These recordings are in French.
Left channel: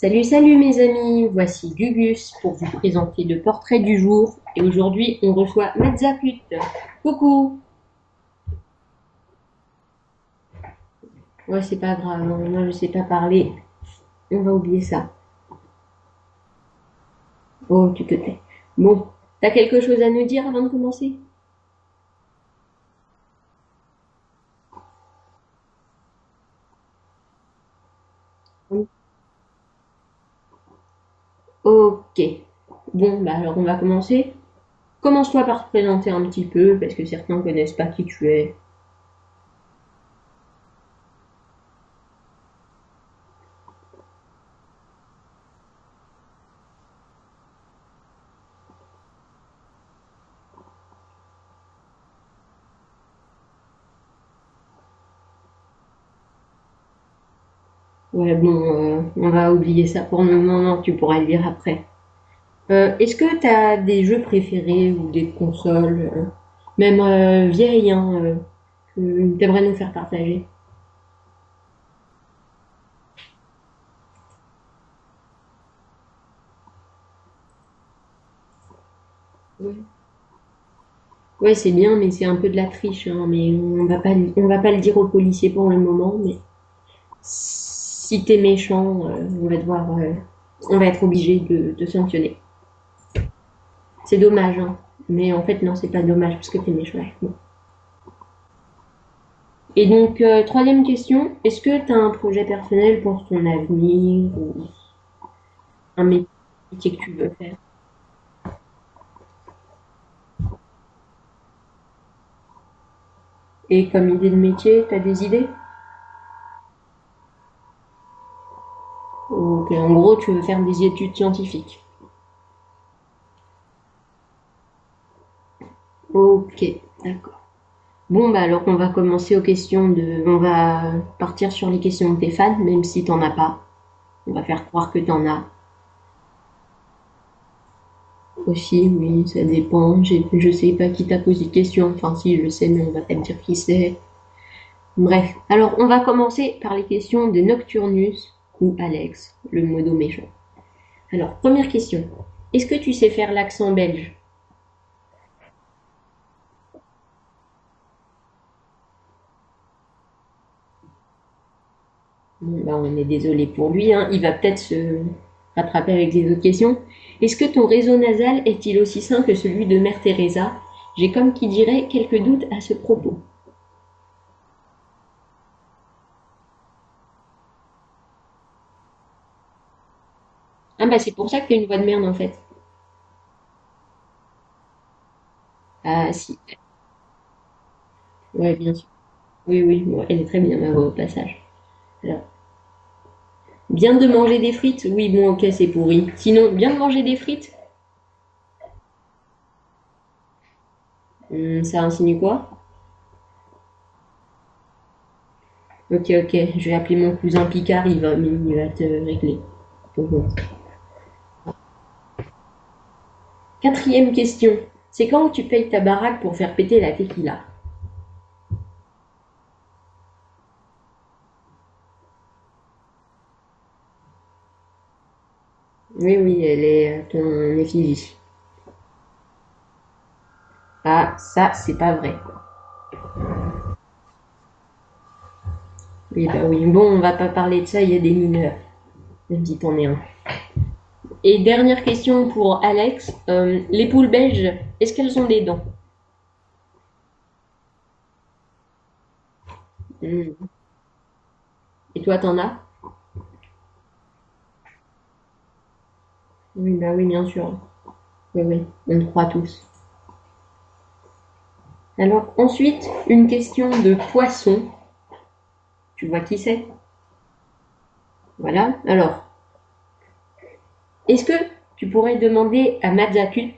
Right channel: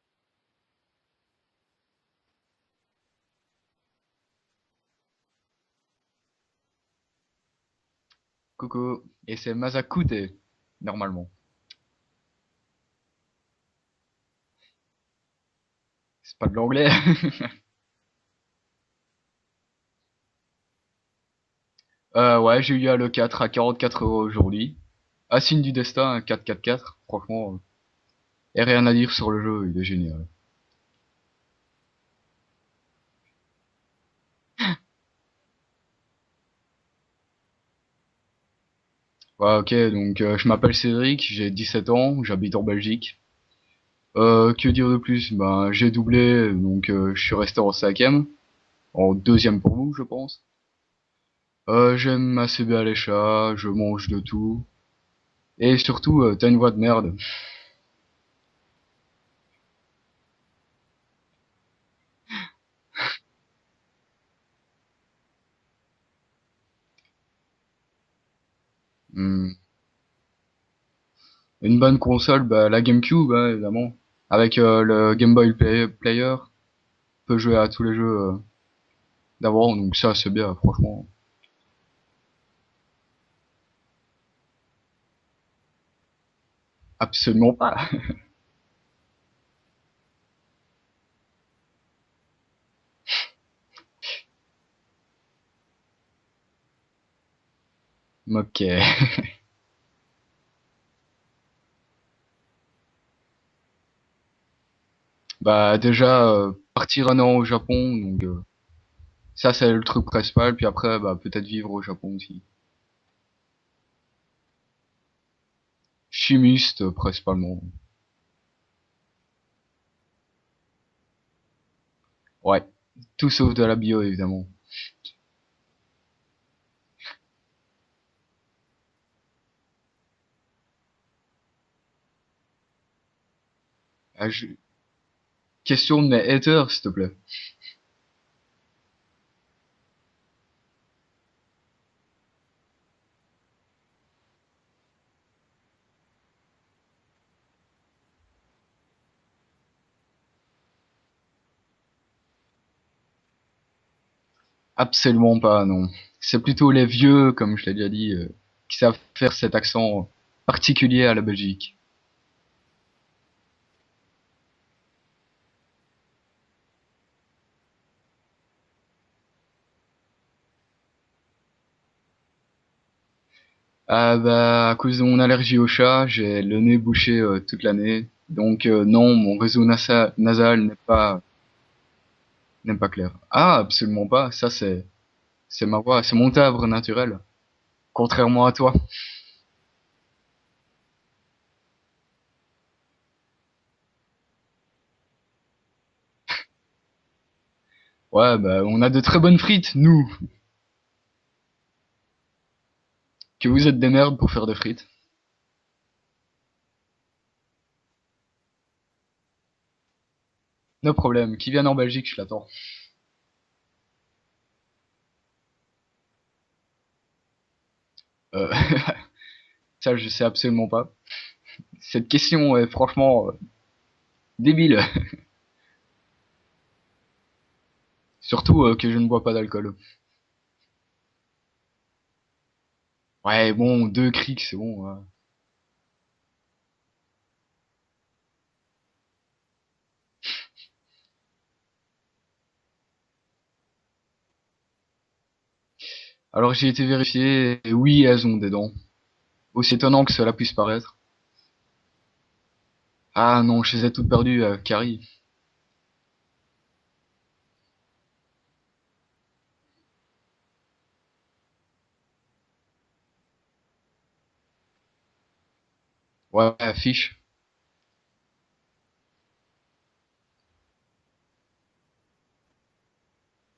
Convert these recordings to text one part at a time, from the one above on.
Salut, salut mes amis, voici Gugus pour vous présenter le portrait du jour. Et aujourd'hui, on reçoit Matzakut. Coucou! Coucou, et c'est Mazakute, normalement. Ouais, c'est pas grave, hein, moi je sais pas parler, on va oublier ça. C'est pas de l'anglais. Oh, tu te tais. Bon, t'as quelque chose à nous dire avant de commencer? Ouais, j'ai eu à le 4 à 44 € aujourd'hui. Ah, signe du destin, un 4-4-4, franchement. Et rien Oh, à dire sur le jeu, il est génial. ok. Bon, bah alors on va commencer. Commence-toi par te présenter un petit peu, parce que certains connaissent pas qui tu es. Ouais, ok, donc je m'appelle Cédric, j'ai 17 ans, j'habite en Belgique. Que dire de plus? Ben, j'ai doublé, donc je suis resté en cinquième, en deuxième pour vous, je pense. J'aime assez bien les chats, je mange de tout. Et surtout, t'as une voix de merde. Ouais, bon, on va oublier ça pour le moment, tu pourras le dire après. Est-ce que tu as des jeux préférés ou des consoles, même vieilles, hein, que tu Hmm. aimerais nous faire partager? Une bonne console, bah, la GameCube, hein, évidemment. Avec le Game Boy Player, on peut jouer à tous les jeux d'avant, donc ça c'est bien, franchement. Ouais, c'est bien, mais c'est un peu de la triche, hein, mais on va pas le dire aux policiers pour le moment, mais Absolument pas. si t'es méchant, on va être obligé de te sanctionner. C'est dommage, hein, mais en fait, non, c'est pas dommage parce que t'es méchant. Bon. Ok. Et donc, troisième question, est-ce que tu as un projet personnel pour ton avenir ou Bah un déjà, métier que partir tu un veux an au faire? Japon, donc ça c'est le truc principal, puis après, bah peut-être vivre au Japon aussi. Et comme idée de métier, t'as des idées? Chimiste, principalement. Ok, en gros, tu veux faire des études scientifiques. Ouais. Tout sauf de la bio, évidemment. Ok, d'accord. Bon, bah alors on va commencer aux questions de... On va partir sur les questions de tes fans, même si t'en as pas. Ah, On va faire croire que t'en as. question de mes haters, s'il te plaît. Aussi, oui, ça dépend. Je sais pas qui t'a posé de question. Enfin, si, je sais, mais on va pas te dire qui c'est. Bref, alors on va commencer par les questions de Nocturnus ou Alex, le modo méchant. Alors, première question. Est-ce que tu sais faire l'accent belge? Absolument pas, non. C'est plutôt les vieux, comme je l'ai déjà dit, qui savent faire cet accent particulier à la Belgique. Bon, bah, on est désolé pour lui, hein. Il va peut-être se rattraper avec les autres questions. Est-ce que ton réseau nasal est-il aussi sain que celui de Mère Teresa? J'ai comme qui dirait quelques doutes à ce propos. Ah bah à cause de mon allergie au chat, j'ai le nez bouché toute l'année. Donc non, mon réseau nasal Ah bah c'est pour ça que tu as une voix de merde en fait. n'est pas clair. Ah, absolument pas. Ça c'est ma voix, Ah c'est mon si, timbre naturel. Contrairement à ouais, bien toi. sûr. Oui, oui, bon, elle est très bien ma voix au passage. Alors, bien de manger des frites? Oui, bon, ok, c'est pourri. Sinon, bien de manger des frites? Ouais, bah on a de très bonnes frites, nous. Ça insinue quoi? Que vous êtes des merdes pour faire des frites. Ok, ok, je vais appeler mon cousin Picard, il va te régler. Bon. No problème. Qui viennent en Belgique, je l'attends. Quatrième question. C'est quand tu payes ta baraque pour faire péter la tequila? Euh, ça je sais absolument pas. Cette question est franchement débile. Oui, oui, elle est à ton effigie. Surtout que je ne bois pas d'alcool. Ah, ça, c'est pas vrai. Ouais, bon, deux crics, c'est bon. Ouais. Oui, bah oui. Bon, on va pas parler de ça, il y a des mineurs. Même si t'en es un. Et dernière question pour Alex. Les poules belges, est-ce qu'elles ont des dents? Alors j'ai été vérifié, et oui, elles ont des dents. Aussi étonnant que Oui. cela puisse paraître. Et toi, t'en as? Ah non, je les ai toutes perdues, Carrie. Oui, bah oui, bien sûr. Oui, oui, on te croit tous. Alors, ensuite, une question de poisson. Tu vois qui Ouais, c'est? fiche. Voilà. Alors, est-ce que tu pourrais demander à Mazakut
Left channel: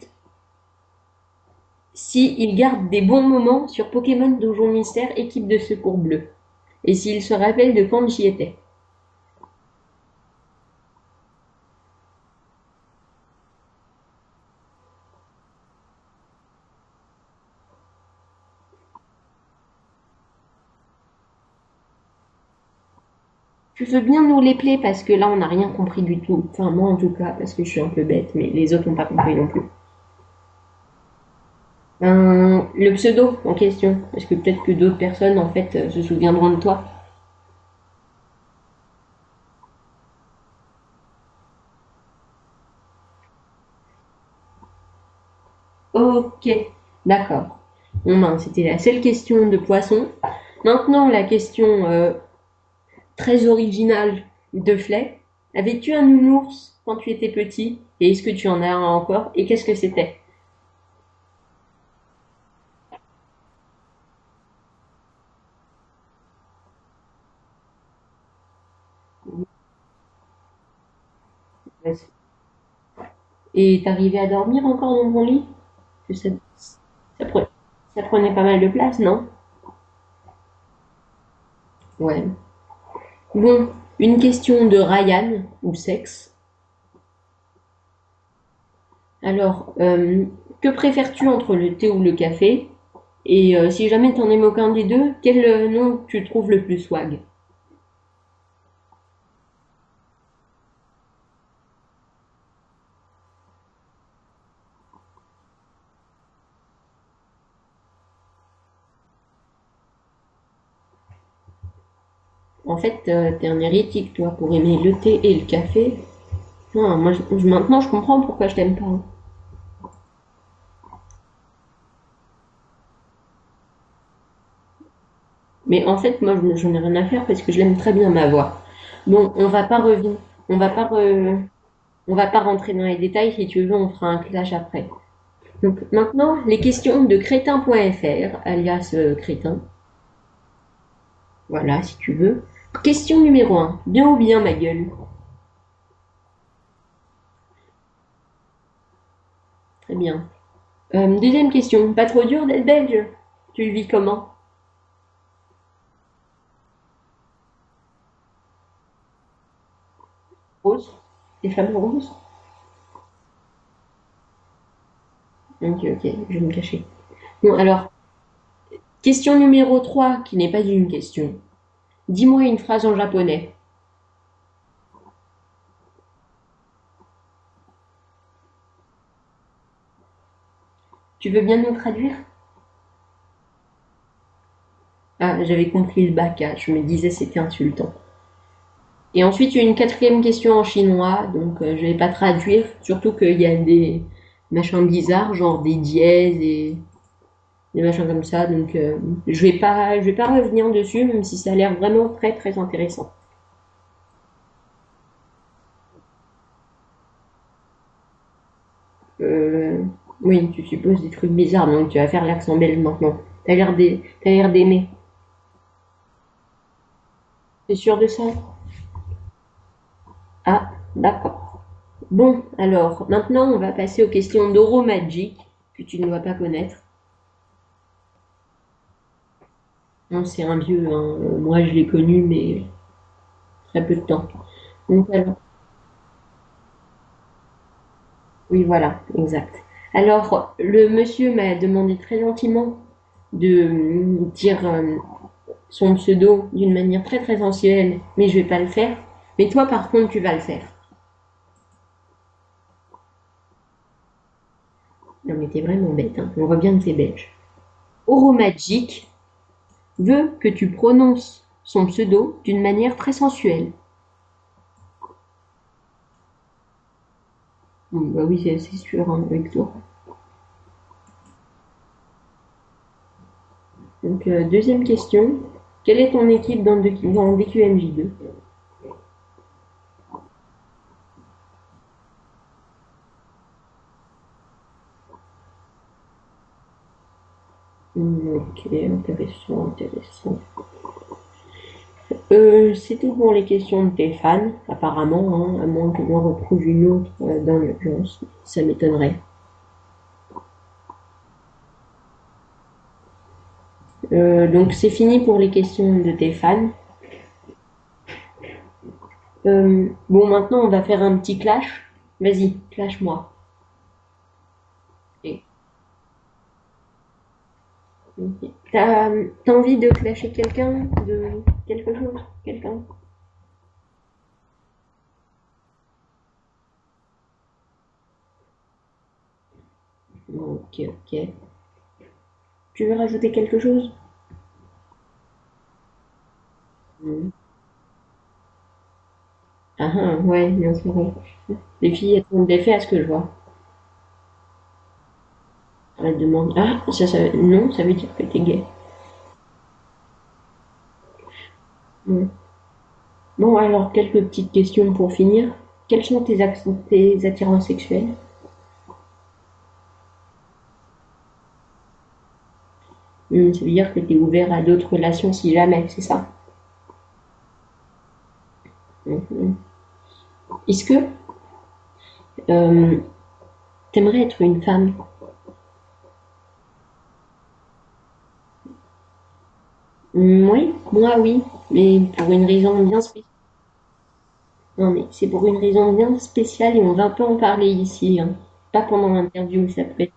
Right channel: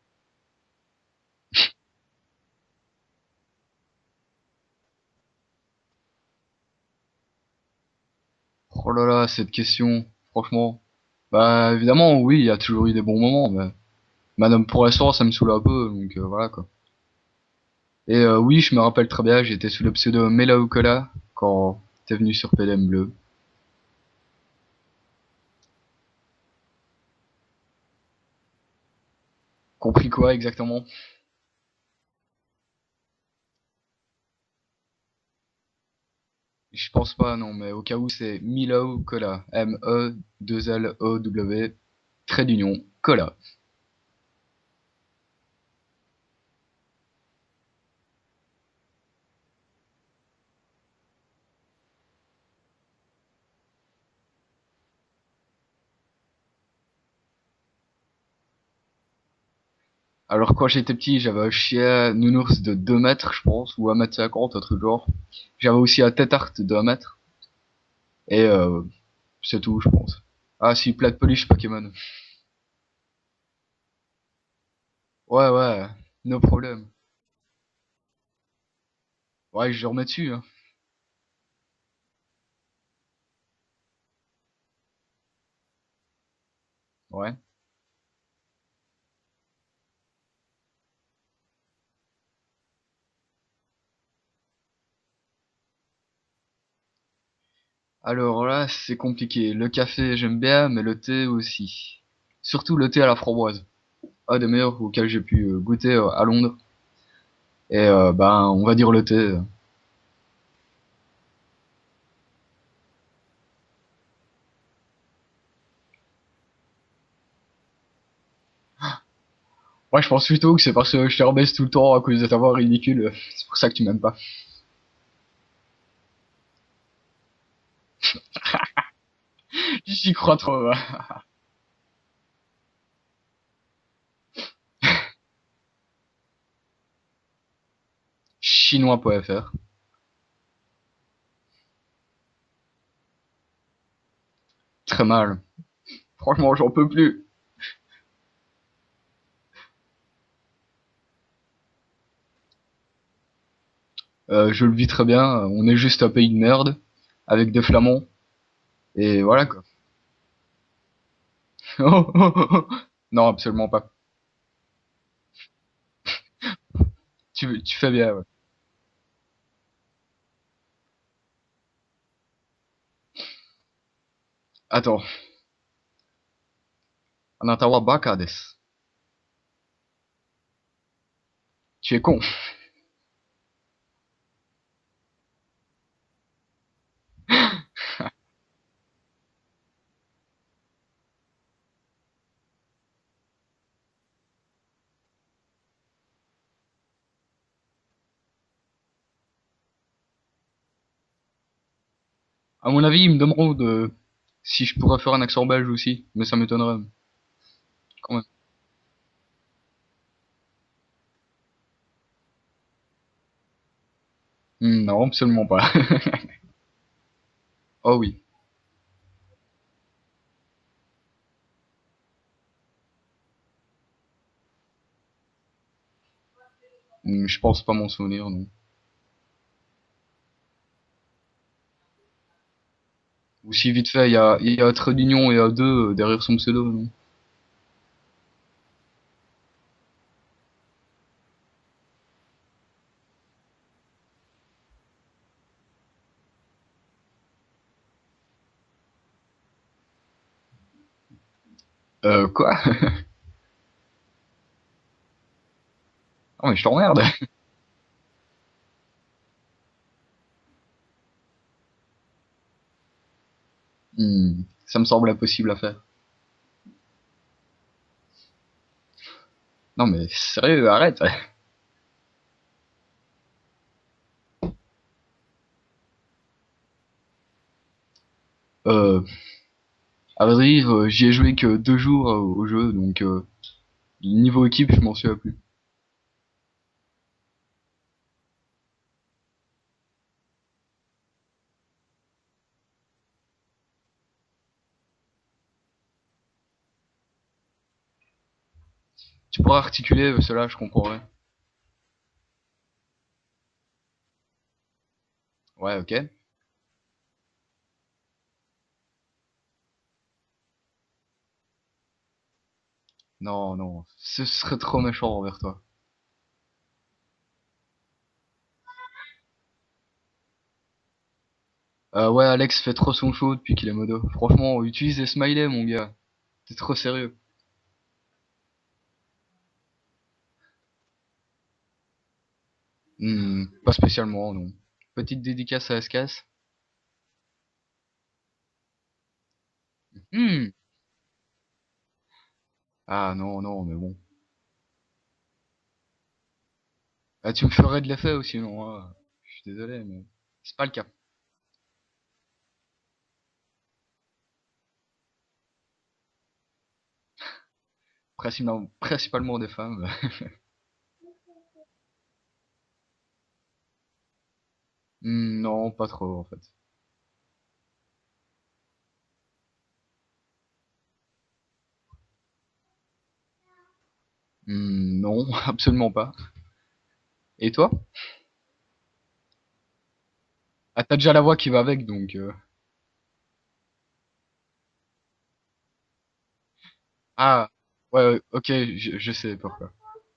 s'il garde des bons moments sur Pokémon Donjon Mystère équipe de secours bleu? Et s'il se rappelle de quand j'y étais? Oh là là, cette question, franchement. Bah évidemment, oui, il y a toujours eu des bons moments, mais madame pour l'instant, ça me saoule un peu, donc voilà quoi. Et oui, je me rappelle très bien, j'étais sous le pseudo Melaoukola quand t'es venu sur PLM Bleu. Tu veux bien nous les player parce que là, on n'a rien compris du tout. Enfin, moi en tout cas, parce que je suis un peu bête, mais les autres n'ont pas compris non plus. Compris quoi exactement? Le pseudo en question, parce que peut-être que d'autres personnes, en fait, se souviendront de Je toi. pense pas, non, mais au cas où, c'est Milo Cola. M-E-2-L-O-W, trait d'union, Cola. Ok, d'accord. Bon, ben, c'était la seule question de poisson. Maintenant, la question très originale de Flay. Avais-tu un nounours quand tu étais petit? Et est-ce que tu en as un encore? Et qu'est-ce que c'était? Alors, quand j'étais petit, j'avais un chien nounours de 2 mètres, je pense, ou 1,50 m, un truc genre. J'avais aussi un tête de 1 mètre. Et c'est tout, je pense. Ah, si, plat de peluche Pokémon. Et t'arrivais à dormir encore dans ton lit? Ouais, ouais, Que ça, no problème. ça pre- ça prenait pas mal de place, non? Ouais, je remets dessus, hein. Ouais. Bon, une question de Ryan, ou sexe. Ouais. Alors, que préfères-tu entre le thé ou le café? Et si jamais t'en aimes aucun des deux, quel nom tu trouves le plus swag? Alors là, c'est compliqué. Le café, j'aime bien, mais le thé aussi. Surtout le thé à la framboise. Un des meilleurs auxquels j'ai pu goûter à Londres. Et ben, on va dire le thé. En fait, t'es un hérétique, toi, pour aimer le thé et le café. Non, moi, maintenant, je comprends pourquoi je t'aime pas. Ouais, je pense plutôt que c'est parce que je te rebaisse tout le temps à cause de ta voix ridicule. C'est pour ça que tu m'aimes pas. Mais en fait, moi, j'en ai rien à faire parce que je l'aime très bien, ma voix. Bon, on va pas J'y revenir, crois on trop, va va. pas, on va pas rentrer dans les détails. Si tu veux, on fera un clash après. Donc maintenant, les questions de crétin.fr, alias Chinois.fr. crétin. Voilà, si tu veux. Question numéro un. Bien ou bien, ma gueule? Très mal. Franchement, j'en peux plus. Très bien. Deuxième question. Pas trop dur d'être belge? Tu le vis comment? Je le vis très bien. On est juste un pays de merde. Avec des flamands. Et voilà, quoi. Rose? Les femmes roses? Non, absolument pas. Ok, ok, je vais me cacher. Bon, Tu fais alors, bien, ouais. question numéro 3, qui n'est pas une question. Dis-moi une phrase en japonais. Attends. Anatawa baka desu. Tu veux bien nous Tu es traduire? con. Ah, j'avais compris le baka, je me disais c'était insultant. Et ensuite, il y a une quatrième question en chinois, donc je vais pas traduire, surtout qu'il y a des machins bizarres, genre des dièses et des machins comme ça, donc je vais pas revenir dessus, même si ça a l'air vraiment très très À mon avis, intéressant. il me demande si je pourrais faire un accent belge aussi. Mais ça m'étonnerait. Quand même. Euh, oui, tu supposes des trucs bizarres, donc tu vas faire l'accent belge maintenant. T'as l'air d'aimer. Non, absolument pas. T'es Oh sûr de oui. ça? Ah, d'accord. Bon, alors, maintenant, on va passer aux questions d'Euromagic, que tu ne dois pas connaître. Je pense pas m'en souvenir, non. Non, c'est un vieux, hein. Moi, je l'ai connu, mais Aussi il y a vite peu de fait, temps. il y a un trait Donc, d'union et un 2 derrière son pseudo, non? oui, voilà, exact. Alors, le monsieur m'a demandé très gentiment de dire son pseudo d'une manière très très sensuelle, mais je vais pas le faire. Mais toi, par contre, tu vas le faire. Quoi? Non, mais t'es vraiment bête, hein. On Ouais, voit je bien que t'es t'emmerde. belge. Oromagic veut que tu prononces son pseudo d'une manière très sensuelle. Ça me semble impossible à faire. Bah oui, c'est sûr, hein, avec toi. Non mais sérieux, arrête. Donc, deuxième question. Quelle est ton équipe dans DQMJ2? Euh, à vrai dire, j'y ai joué que 2 jours au jeu, donc niveau équipe, je m'en souviens plus. Ok, intéressant, intéressant. C'est tout pour les questions de tes fans, apparemment, hein, à moins que j'en retrouve une autre dans l'urgence. Ça m'étonnerait. Tu pourras articuler cela, je comprendrais. Donc c'est fini pour les Ouais, ok. questions de tes fans. Bon, maintenant on va faire un petit clash. Vas-y, clash-moi. Non, non, ce serait trop méchant envers Et- toi. ok. T'as envie de clasher quelqu'un? quelque chose? Ouais, Alex fait D'accord. trop son show depuis qu'il est modo. Franchement, utilise les smileys, mon gars. C'est trop sérieux. Ok, ok. Tu veux rajouter quelque Pas chose? spécialement, non. Petite dédicace à SKS. Hmm. Ah, ah, Hmm. ouais, bien sûr. Ouais. Les filles, elles font des faits à ce que je Ah vois. non, non, mais bon. Elles demandent. Ah, Bah, tu me non, ferais ça de veut l'effet dire que aussi, t'es hein, gay. moi. Je suis désolé, mais c'est pas le cas. Hmm. Bon, alors, quelques petites questions pour finir. Quelles sont tes attirances sexuelles? Principalement des femmes. Ça veut dire que tu es ouvert à d'autres relations si Non, jamais, pas c'est trop en ça? fait. Mhm. Est-ce que euh, t'aimerais être une femme? Non, absolument pas. Et toi? Oui, Ah, t'as déjà moi la voix oui, qui va avec, mais donc. pour une raison bien spéciale. Non, mais c'est pour une raison bien spéciale et on va pas en Ah, parler ouais, ici, ouais, hein. ok, Pas je pendant sais, l'interview, parfait. ça peut être.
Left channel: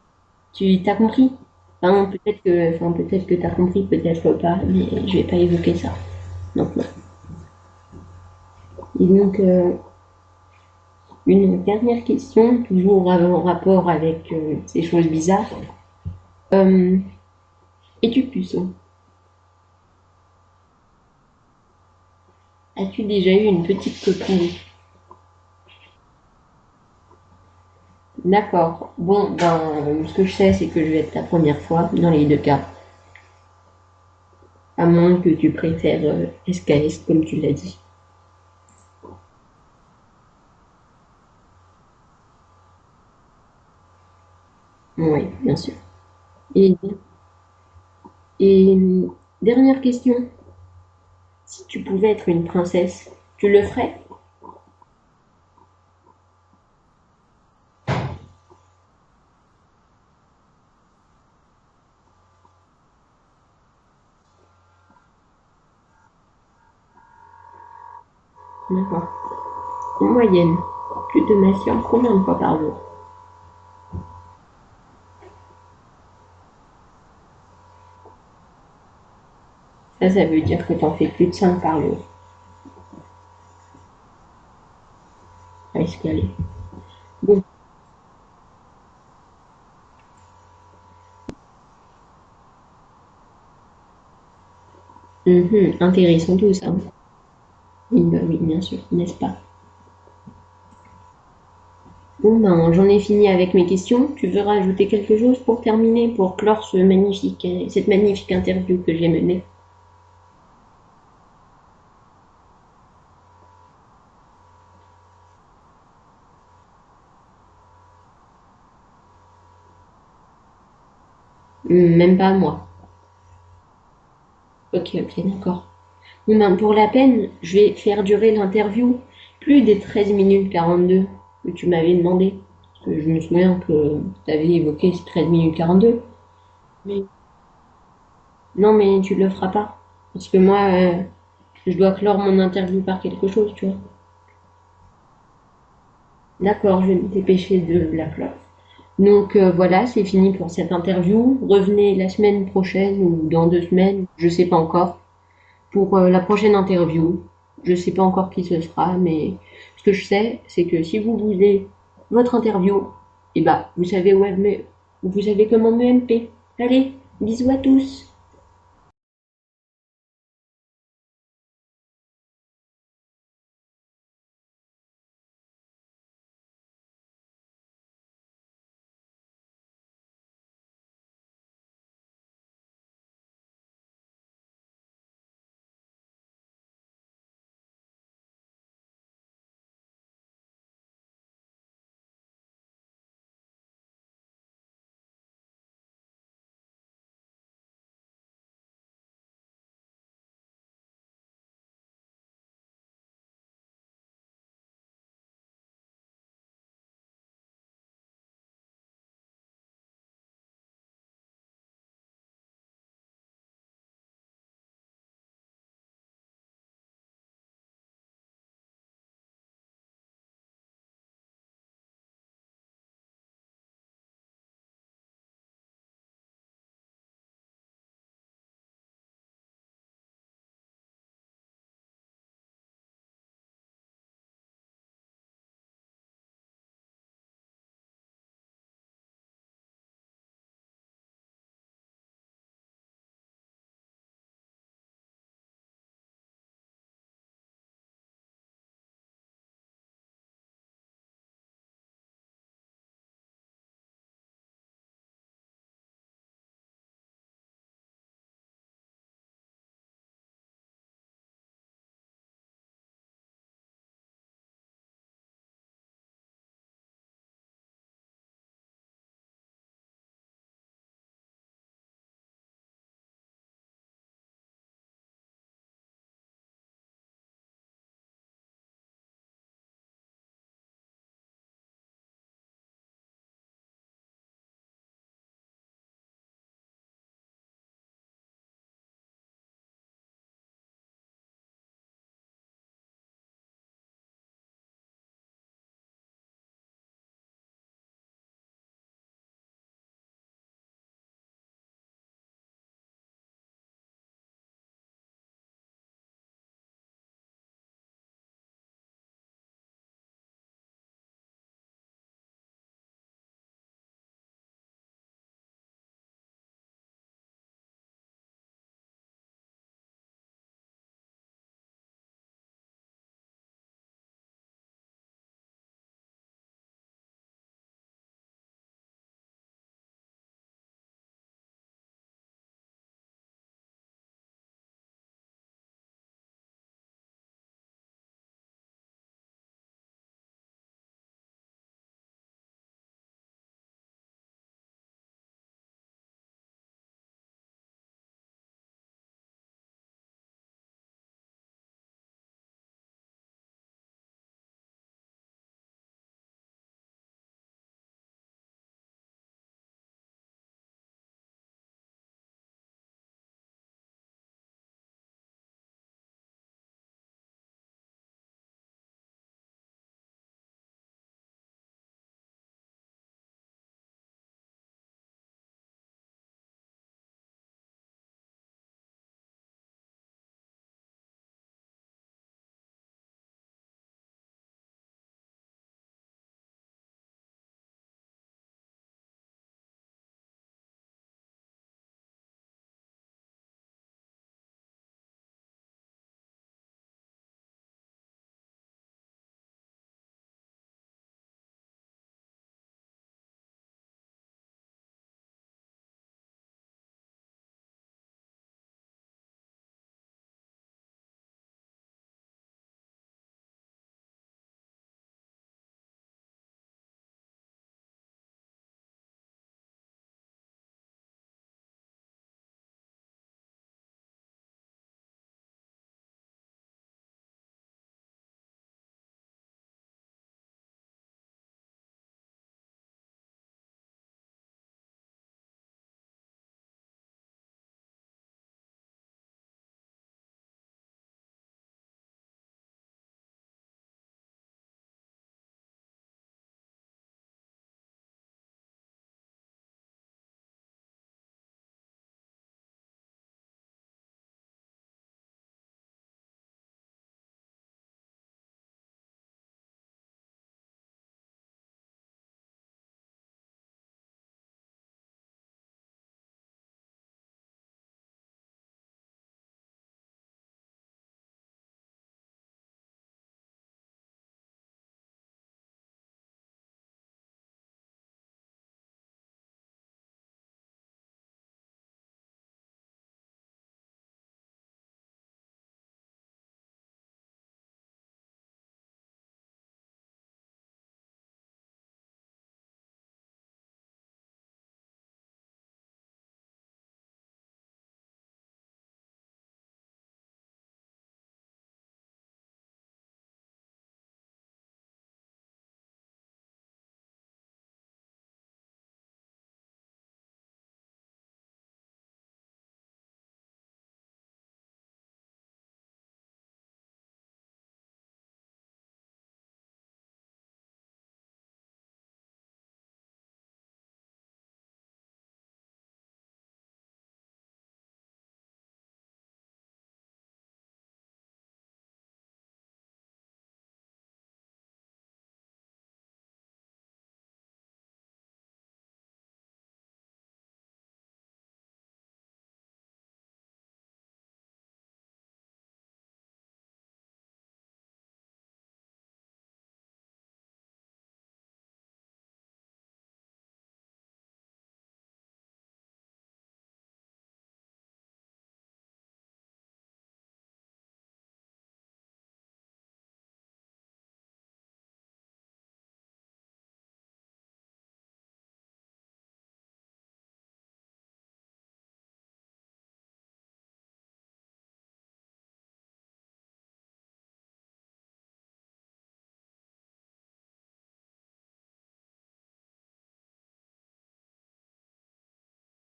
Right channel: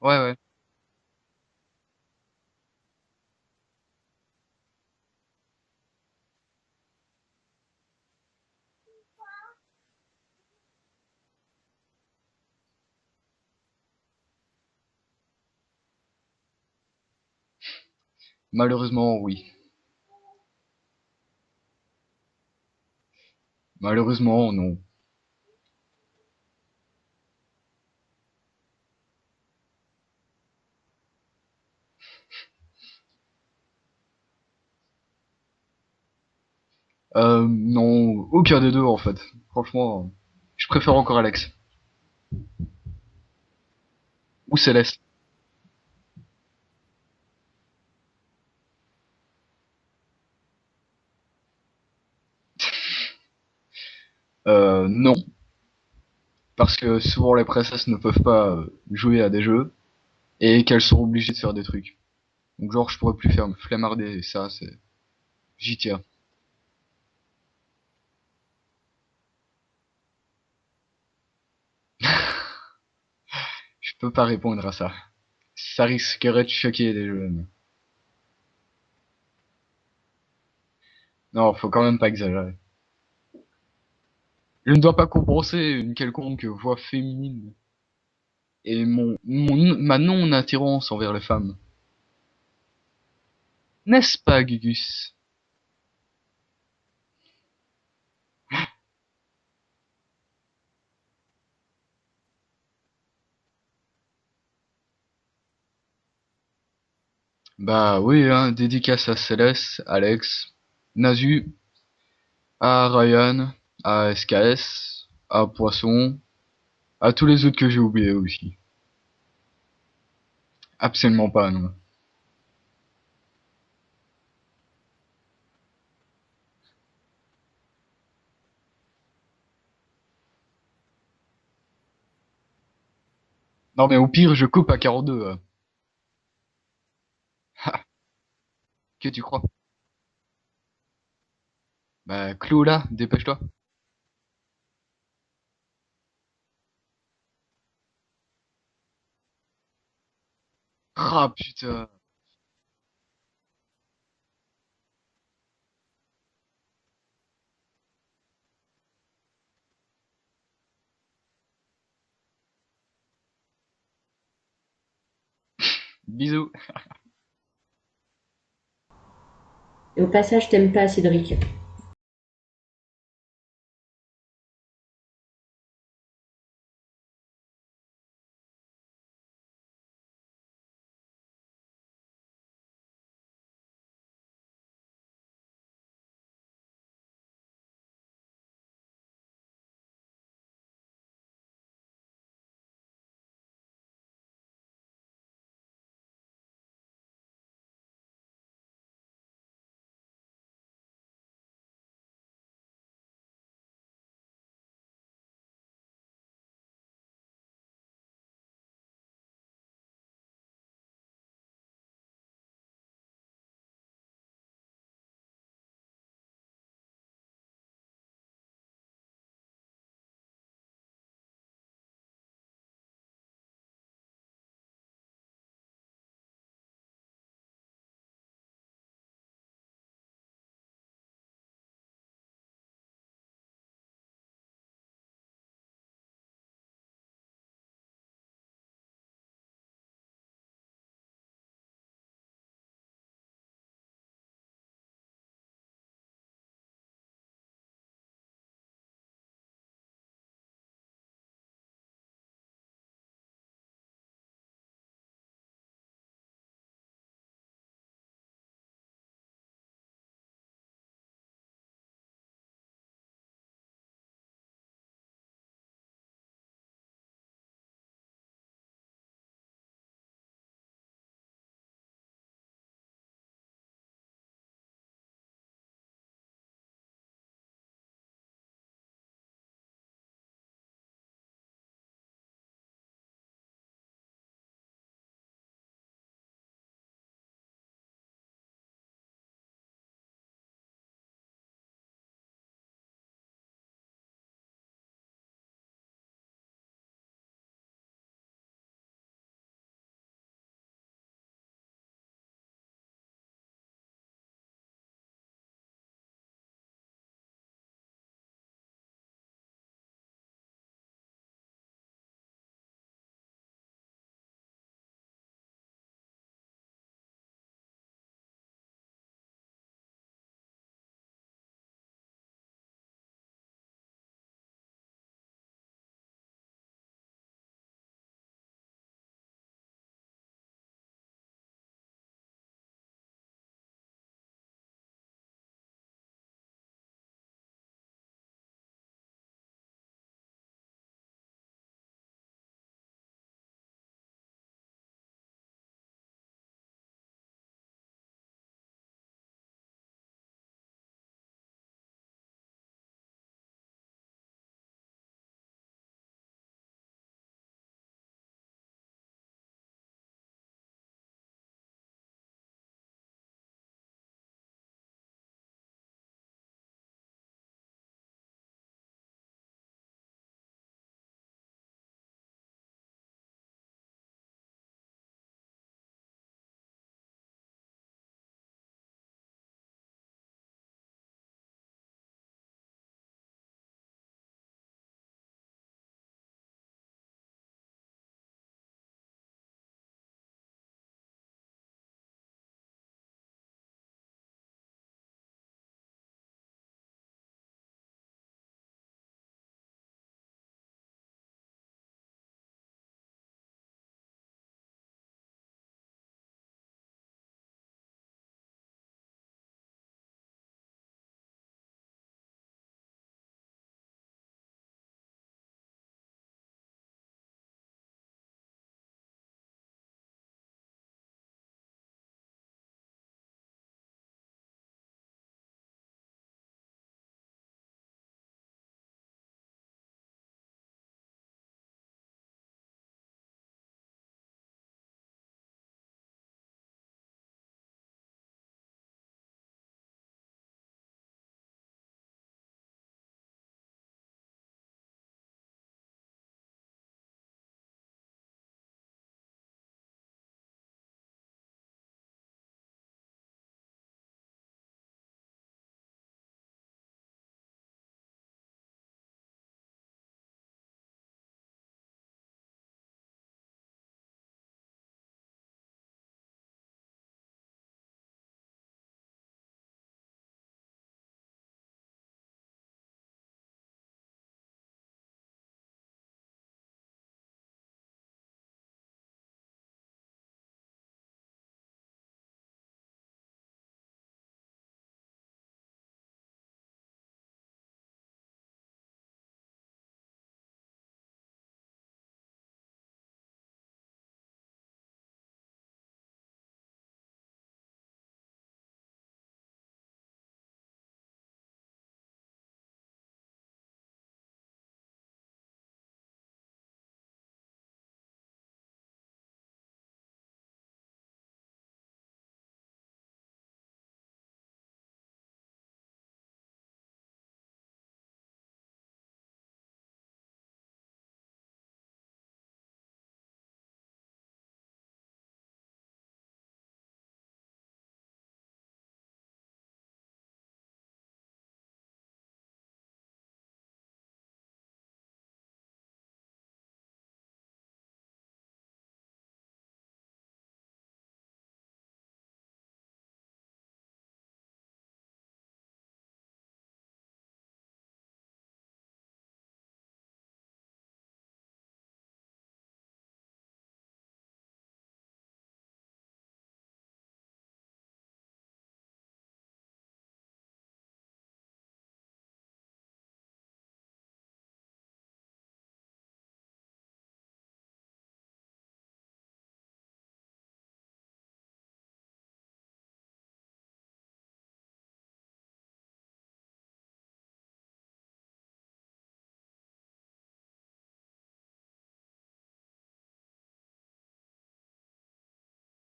Ouais, ouais. Tu t'as compris? Peut-être que t'as compris, peut-être pas, mais je vais pas évoquer ça. Donc non. Et donc, une dernière question, toujours en rapport avec ces choses bizarres. Euh, Es-tu puceau? Malheureusement, oui. As-tu déjà eu une petite copine? Malheureusement, non. D'accord. Bon, ben, ce que je sais, c'est que je vais être ta première fois dans les deux cas. À moins que tu préfères SKS, comme tu l'as dit. Non, aucun des deux en fait. Franchement, je préfère encore Alex. Ou Céleste. Oui, bien sûr. Et, et dernière question. Si tu pouvais être une princesse, tu le ferais? Non. Parce que souvent les princesses ne peuvent pas jouer à des jeux et qu'elles sont obligées de faire des trucs. Donc genre je pourrais plus faire me flemmarder et ça c'est... J'y tiens. D'accord. En moyenne, tu te masturbes combien de fois par jour? Je peux pas répondre à ça. Ça risquerait de choquer les jeunes. Ça veut dire que t'en fais plus de Non, 5 faut par quand même jour. pas exagérer. Je ne dois pas compenser une Est-ce que... quelconque voix Bon, féminine et ma non-attirance envers les femmes. N'est-ce pas, Gugus? intéressant tout ça. Oui, bah oui, bien sûr, n'est-ce pas? Bon, ben, j'en ai fini avec mes questions. Tu veux rajouter quelque chose pour terminer, pour clore cette Bah oui, magnifique hein, interview que dédicace j'ai à menée? Céleste, Alex, Nazu, à Ryan, à SKS, à Poisson, à tous les autres que j'ai oubliés aussi. Absolument pas, non. Même pas moi. Ok, ok, d'accord. Bon, ben, pour la peine, je vais faire durer l'interview plus des 13 minutes 42 que tu m'avais demandé. Parce que je me souviens Non mais que au tu pire, je avais coupe à évoqué ces 42, 13 hein. minutes 42. Mais non, mais Tu, tu tu le crois? feras pas. Parce que moi, je dois clore Bah, mon clôt interview là, par quelque dépêche-toi. chose, tu vois. D'accord, je vais me dépêcher de la clore. Donc voilà, c'est fini pour cette Ah interview. putain. Revenez la semaine prochaine ou dans 2 semaines, je sais pas encore, pour la prochaine interview. Je sais pas encore qui ce sera, mais ce que je sais, c'est que si vous voulez votre interview, et bah vous savez comment me MP. Bisous. Allez, bisous à tous. Et au passage, t'aimes pas Cédric.